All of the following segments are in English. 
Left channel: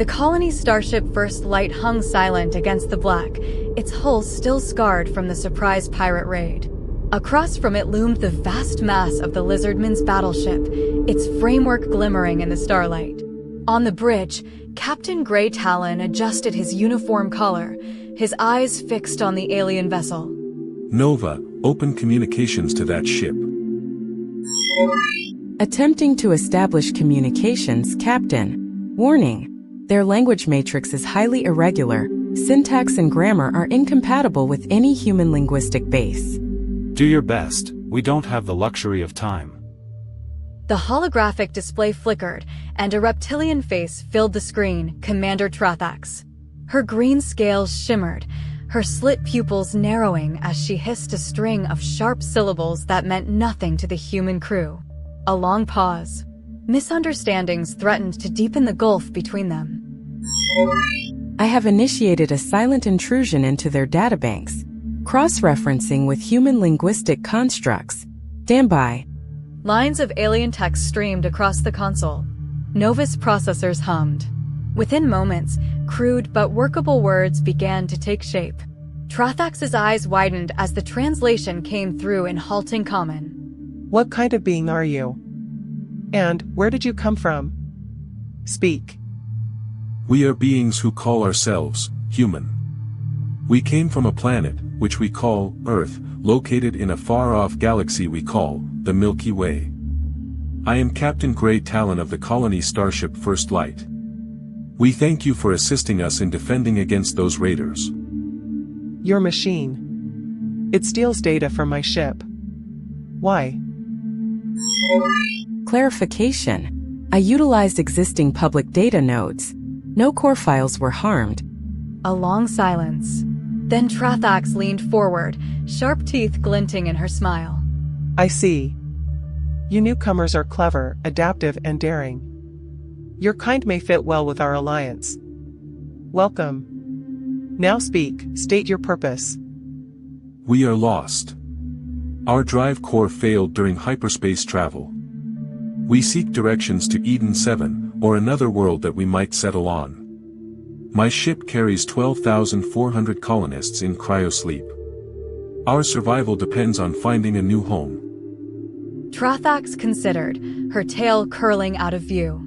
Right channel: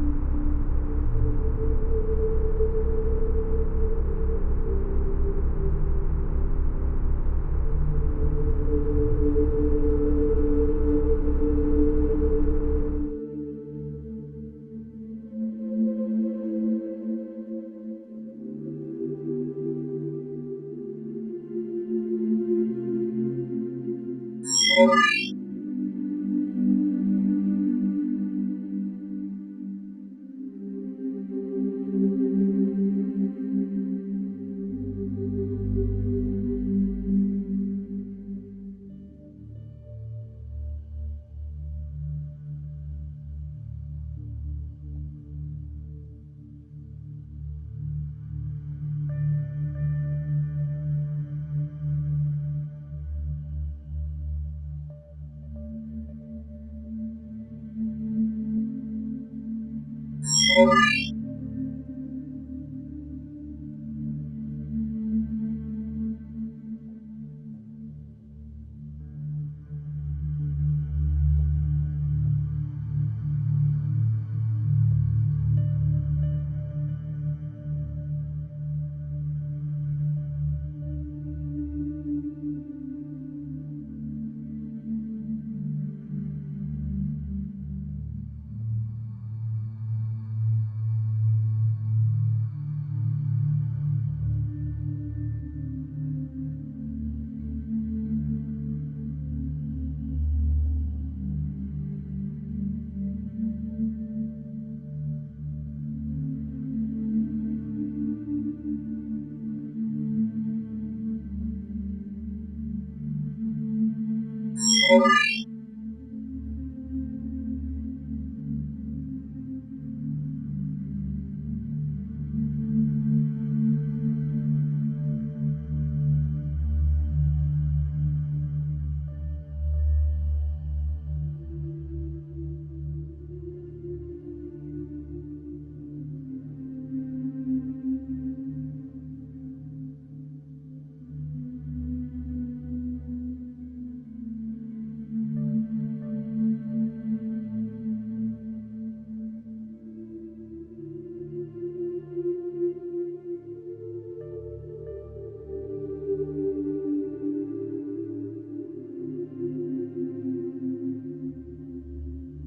The colony starship First Light hung silent against the black, its hull still scarred from the surprise pirate raid. Across from it loomed the vast mass of the Lizardman's battleship, its framework glimmering in the starlight. On the bridge, Captain Grey Talon adjusted his uniform collar, his eyes fixed on the alien vessel. Nova, open communications to that ship. Attempting to establish communications, Captain. Warning. Their language matrix is highly irregular. Syntax and grammar are incompatible with any human linguistic base. Do your best. We don't have the luxury of time. The holographic display flickered, and a reptilian face filled the screen, Commander Trathax. Her green scales shimmered, her slit pupils narrowing as she hissed a string of sharp syllables that meant nothing to the human crew. A long pause. Misunderstandings threatened to deepen the gulf between them. I have initiated a silent intrusion into their databanks, cross-referencing with human linguistic constructs. Stand by. Lines of alien text streamed across the console. Nova's processors hummed. Within moments, crude but workable words began to take shape. Trathax's eyes widened as the translation came through in halting common. What kind of being are you? And where did you come from? Speak. We are beings who call ourselves human. We came from a planet, which we call Earth, located in a far-off galaxy we call the Milky Way. I am Captain Grey Talon of the colony starship First Light. We thank you for assisting us in defending against those raiders. Your machine. It steals data from my ship. Why? Clarification. I utilized existing public data nodes. No core files were harmed. A long silence. Then Trathax leaned forward, sharp teeth glinting in her smile. I see. You newcomers are clever, adaptive, and daring. Your kind may fit well with our alliance. Welcome. Now speak, state your purpose. We are lost. Our drive core failed during hyperspace travel. We seek directions to Eden 7, or another world that we might settle on. My ship carries 12,400 colonists in cryosleep. Our survival depends on finding a new home. Trathax considered, her tail curling out of view.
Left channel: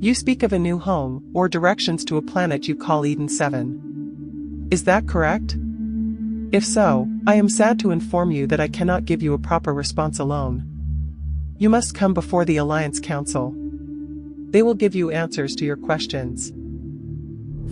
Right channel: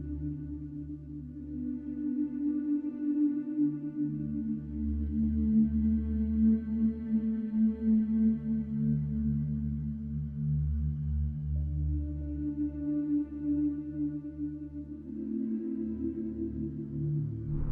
You speak of a new home, or directions to a planet you call Eden 7. Is that correct? If so, I am sad to inform you that I cannot give you a proper response alone. You must come before the Alliance Council. They will give you answers to your questions.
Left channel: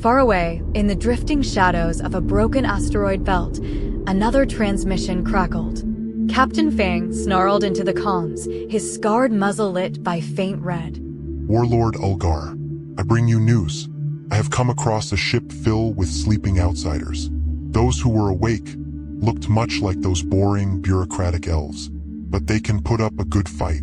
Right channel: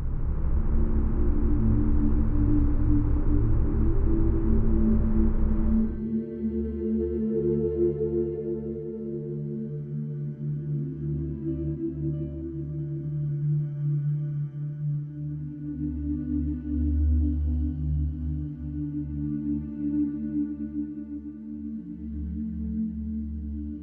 Far away, in the drifting shadows of a broken asteroid belt, another transmission crackled. Captain Fang snarled into the comms, his scarred muzzle lit by faint red. Warlord Ulgar, I bring you news. I have come across a ship filled with sleeping outsiders. Those who were awake looked much like those boring, bureaucratic elves, but they can put up a good fight.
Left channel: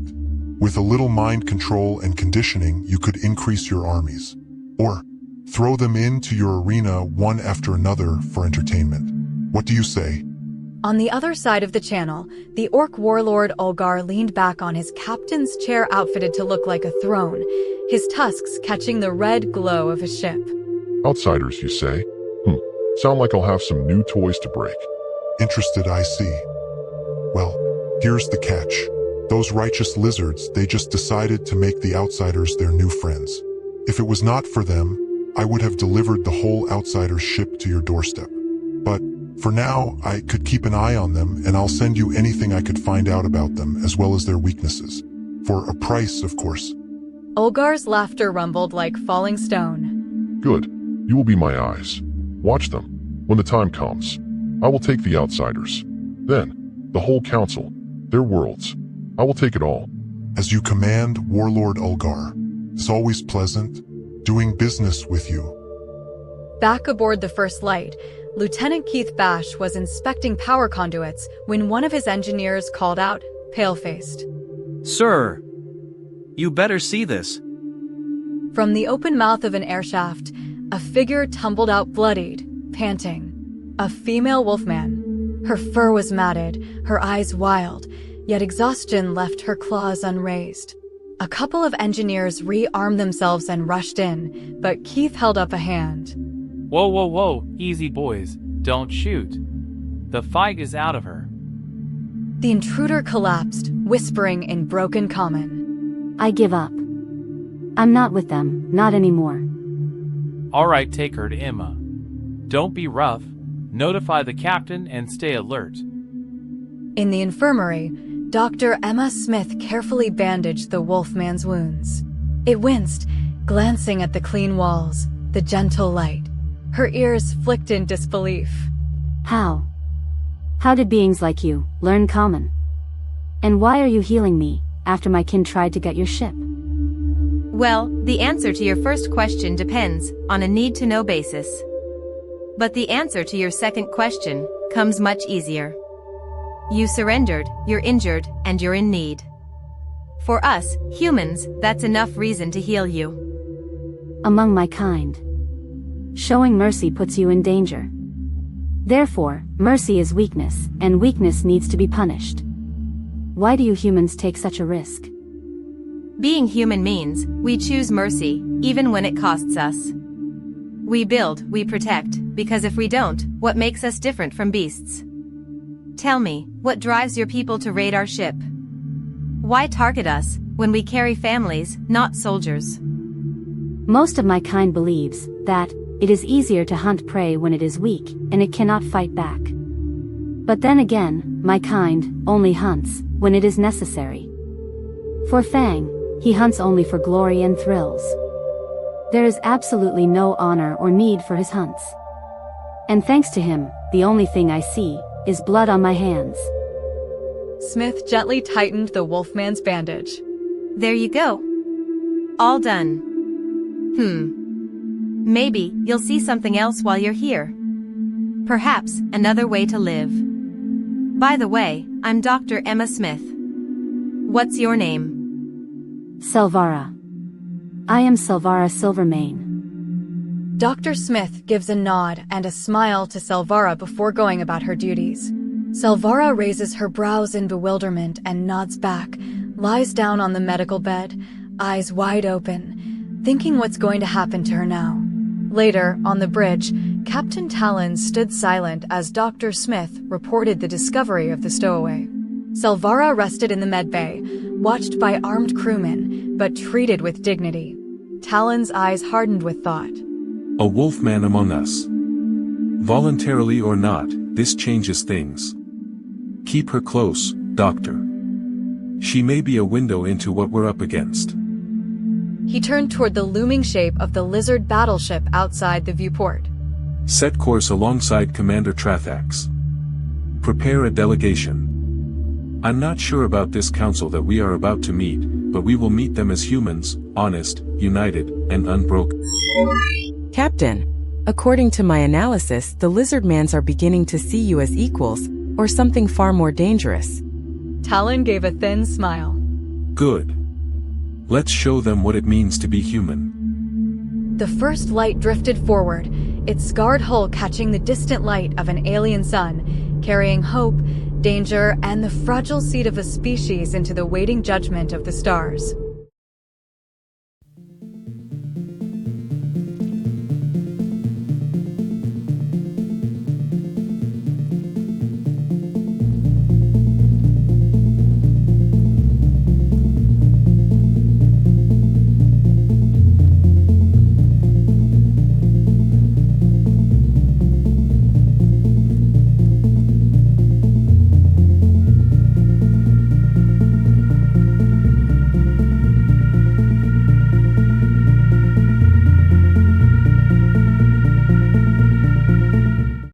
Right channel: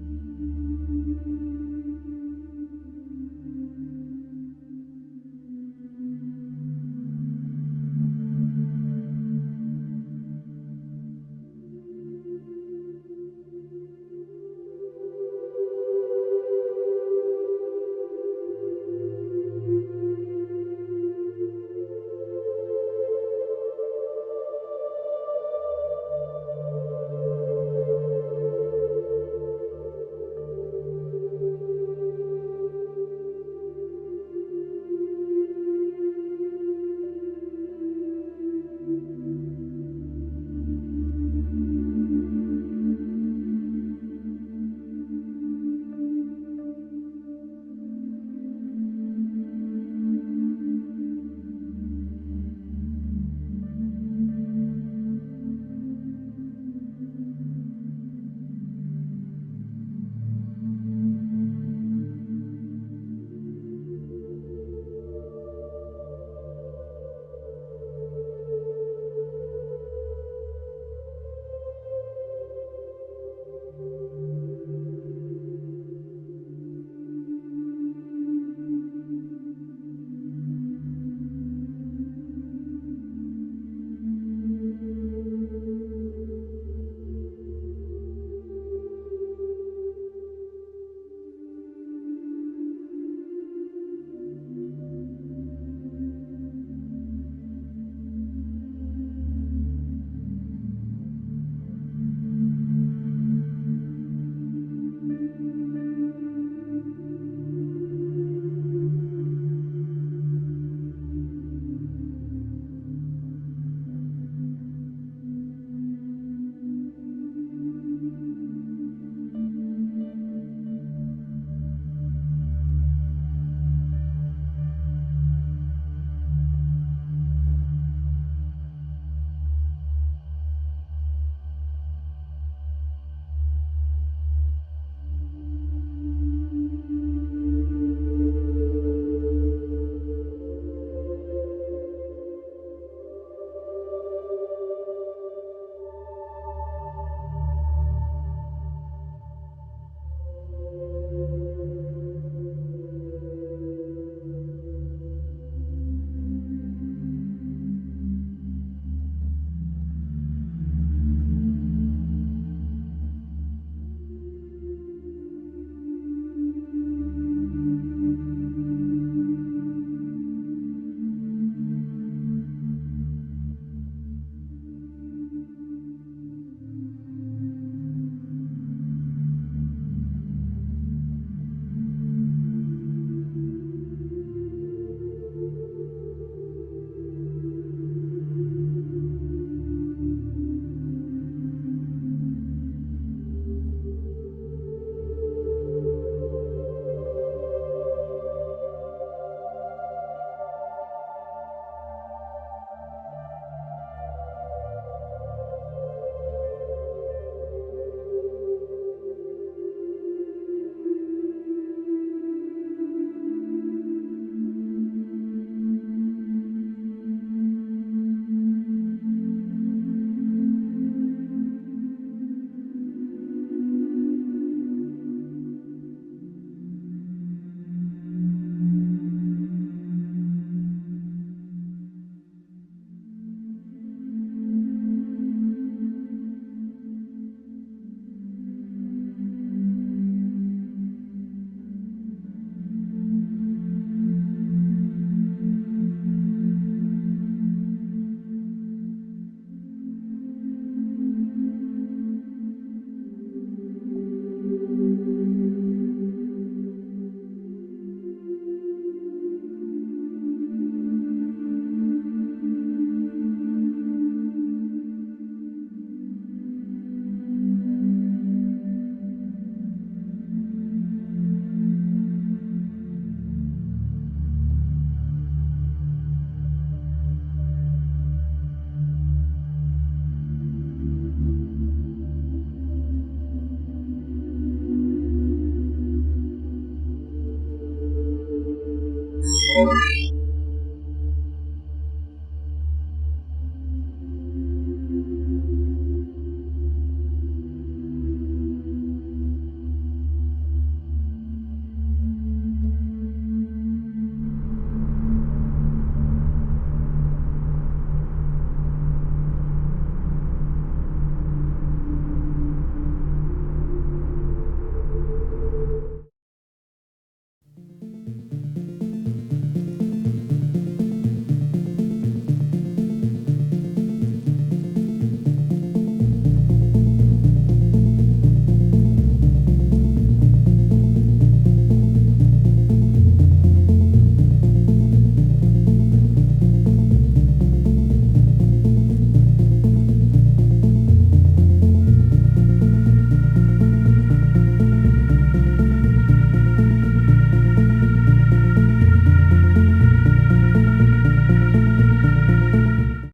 With a little mind control and conditioning, you could increase your armies. Or throw them into your arena one after another for entertainment. What do you say? On the other side of the channel, the orc warlord Ulgar leaned back on his captain's chair outfitted to look like a throne, his tusks catching the red glow of his ship. Outsiders, you say? Sound like I'll have some new toys to break. Interested, I see. Well, here's the catch. Those righteous lizards, they just decided to make the outsiders their new friends. If it was not for them, I would have delivered the whole outsider's ship to your doorstep. But for now, I could keep an eye on them, and I'll send you anything I could find out about them, as well as their weaknesses. For a price, of course. Ulgar's laughter rumbled like falling stone. Good. You will be my eyes. Watch them. When the time comes, I will take the outsiders. Then, the whole council, their worlds. I will take it all. As you command, Warlord Ulgar. It's always pleasant doing business with you. Back aboard the First Light, Lieutenant Keith Bash was inspecting power conduits when one of his engineers called out, pale-faced. Sir, you better see this. From the open mouth of an airshaft, a figure tumbled out bloodied, panting. A female wolfman. Her fur was matted, her eyes wild, yet exhaustion left her claws unraised. A couple of engineers rearmed themselves and rushed in, but Keith held up a hand. Whoa, whoa, whoa, easy boys, don't shoot. The fight is out of her. The intruder collapsed, whispering in broken common. I give up. I'm not with them, not anymore. All right, take her to Emma. Don't be rough, notify the captain and stay alert. In the infirmary, Dr. Emma Smith carefully bandaged the Wolfman's wounds. It winced, glancing at the clean walls, the gentle light. Her ears flicked in disbelief. How? How did beings like you learn common? And why are you healing me, after my kin tried to get your ship? Well, the answer to your first question depends on a need-to-know basis. But the answer to your second question comes much easier. You surrendered, you're injured, and you're in need. For us, humans, that's enough reason to heal you. Among my kind. Showing mercy puts you in danger. Therefore, mercy is weakness, and weakness needs to be punished. Why do you humans take such a risk? Being human means we choose mercy, even when it costs us. We build, we protect, because if we don't, what makes us different from beasts? Tell me, what drives your people to raid our ship? Why target us, when we carry families, not soldiers? Most of my kind believes that it is easier to hunt prey when it is weak, and it cannot fight back. But then again, my kind only hunts when it is necessary. For Fang, he hunts only for glory and thrills. There is absolutely no honor or need for his hunts. And thanks to him, the only thing I see is blood on my hands. Smith gently tightened the Wolfman's bandage. There you go. All done. Maybe you'll see something else while you're here. Perhaps another way to live. By the way, I'm Dr. Emma Smith. What's your name? Selvara. I am Selvara Silvermane. Dr. Smith gives a nod and a smile to Selvara before going about her duties. Selvara raises her brows in bewilderment and nods back, lies down on the medical bed, eyes wide open, thinking what's going to happen to her now. Later, on the bridge, Captain Talon stood silent as Dr. Smith reported the discovery of the stowaway. Selvara rested in the medbay, watched by armed crewmen, but treated with dignity. Talon's eyes hardened with thought. A wolfman among us. Voluntarily or not, this changes things. Keep her close, Doctor. She may be a window into what we're up against. He turned toward the looming shape of the lizard battleship outside the viewport. Set course alongside Commander Trathax. Prepare a delegation. I'm not sure about this council that we are about to meet, but we will meet them as humans, honest, united, and unbroken. Captain, according to my analysis, the lizardmans are beginning to see you as equals, or something far more dangerous. Talon gave a thin smile. Good. Let's show them what it means to be human. The first light drifted forward, its scarred hull catching the distant light of an alien sun, carrying hope, danger, and the fragile seed of a species into the waiting judgment of the stars.